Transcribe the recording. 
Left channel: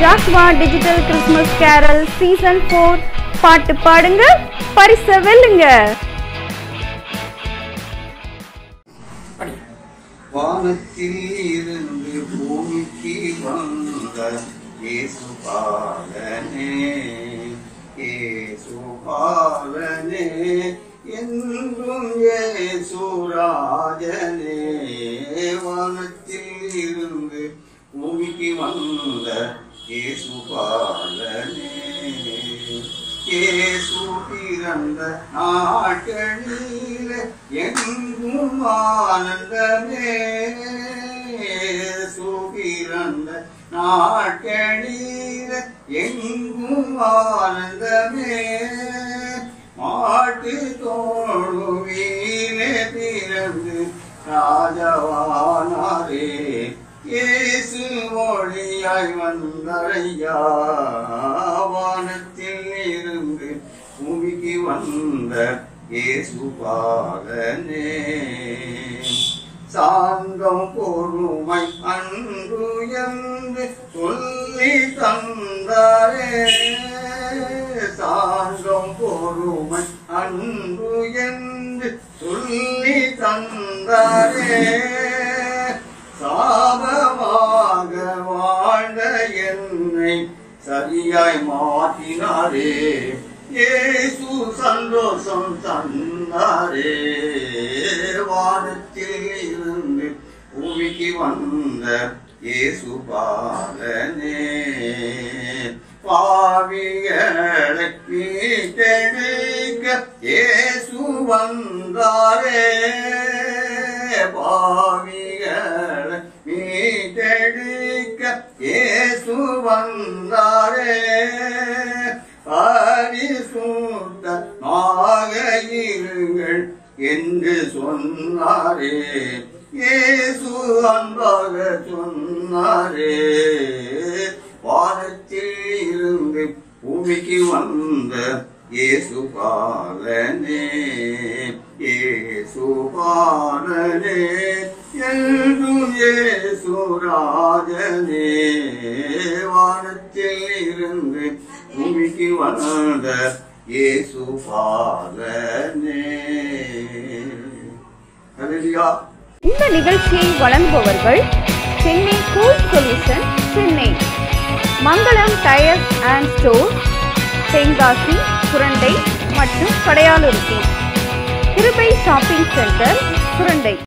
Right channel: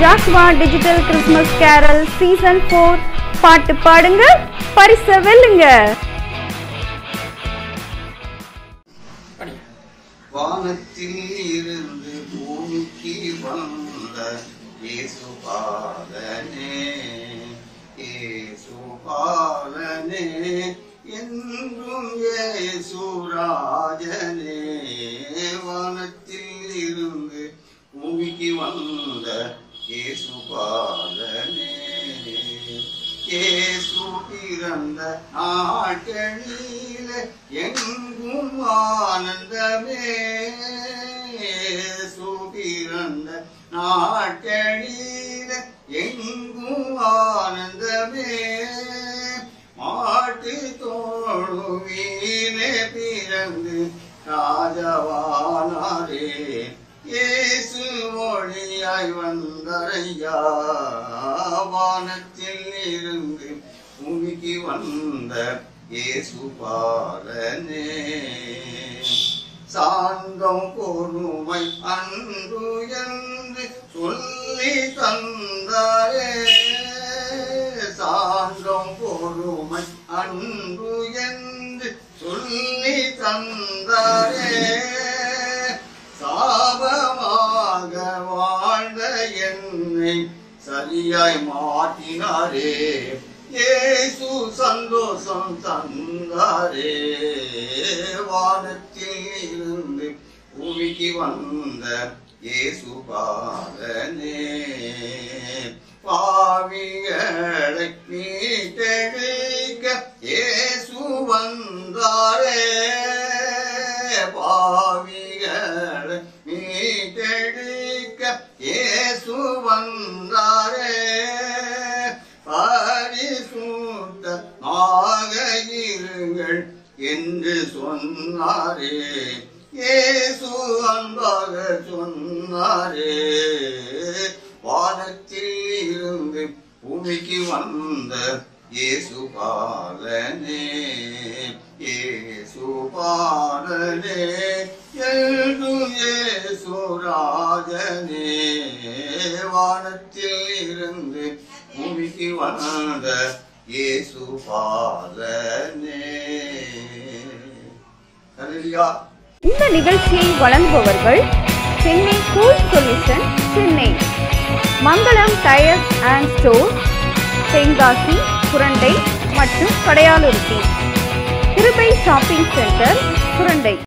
ஜாஸ்வா digital Christmas carol season 4 பாட்டு பாடுங்க பரிசு வெல்லுங்க. வானத்தில் இருந்து பூமிக்கு வந்த இயேசு பாலனே, இயேசு பாலனே, என்றும் இயேசு ராஜனே. வானத்தில் இருந்து பூமிக்கு வந்த இயேசு பாலனே, இயேசு பிறந்த நாட்களில் எங்கும் ஆனந்தமே, இயேசு பிறந்த நாட்களில் எங்கும் ஆனந்தமே. மாட்டு தோழுவீனே பிறந்து ராஜவானாரே, இயேசு ஒளியாய் வந்தரையா. வானத்தில் இருந்து பூமிக்கு வந்த இயேசு பாலனே, சாந்தம் பொறுமை அன்பு என்று சொல்லி தந்தாரே, சாந்தம் பொறுமை அன்பு என்று சொல்லி தந்தாரே. சாபமாக வாழ்ந்த என்னை சரியாய் மாற்றினாரே, இயேசு சந்தோஷம் தந்தாரே. வானத்தில் இருந்து பூமிக்கு வந்த இயேசு பாலனே, பாவிகளை மீட்டெடுக்க இயேசு வந்தாரே, பாவிகளை மீட்டெடுக்க இயேசு வந்தாரே. பரிசுத்தமாக இருங்கள் என்று சொன்னாரே, இயேசு அன்பாக சொன்னாரே. வானத்தில் இருந்து பூமிக்கு வந்த இயேசு பாலனே, இயேசு பாலனே, என்றும் இயேசு ராஜனே. வானத்தில் இருந்து பூமிக்கு வந்த இயேசு பாலனே. ஹல்லேலூயா. இந்த நிகழ்ச்சியை வழங்குபவர்கள் Chennai cool solution, Chennai Mangalam tyres and store, Tenkasi, Surandai மற்றும் கடையாலுருத்தி, கிருபை ஷாப்பிங் சென்டர், சுரண்டை.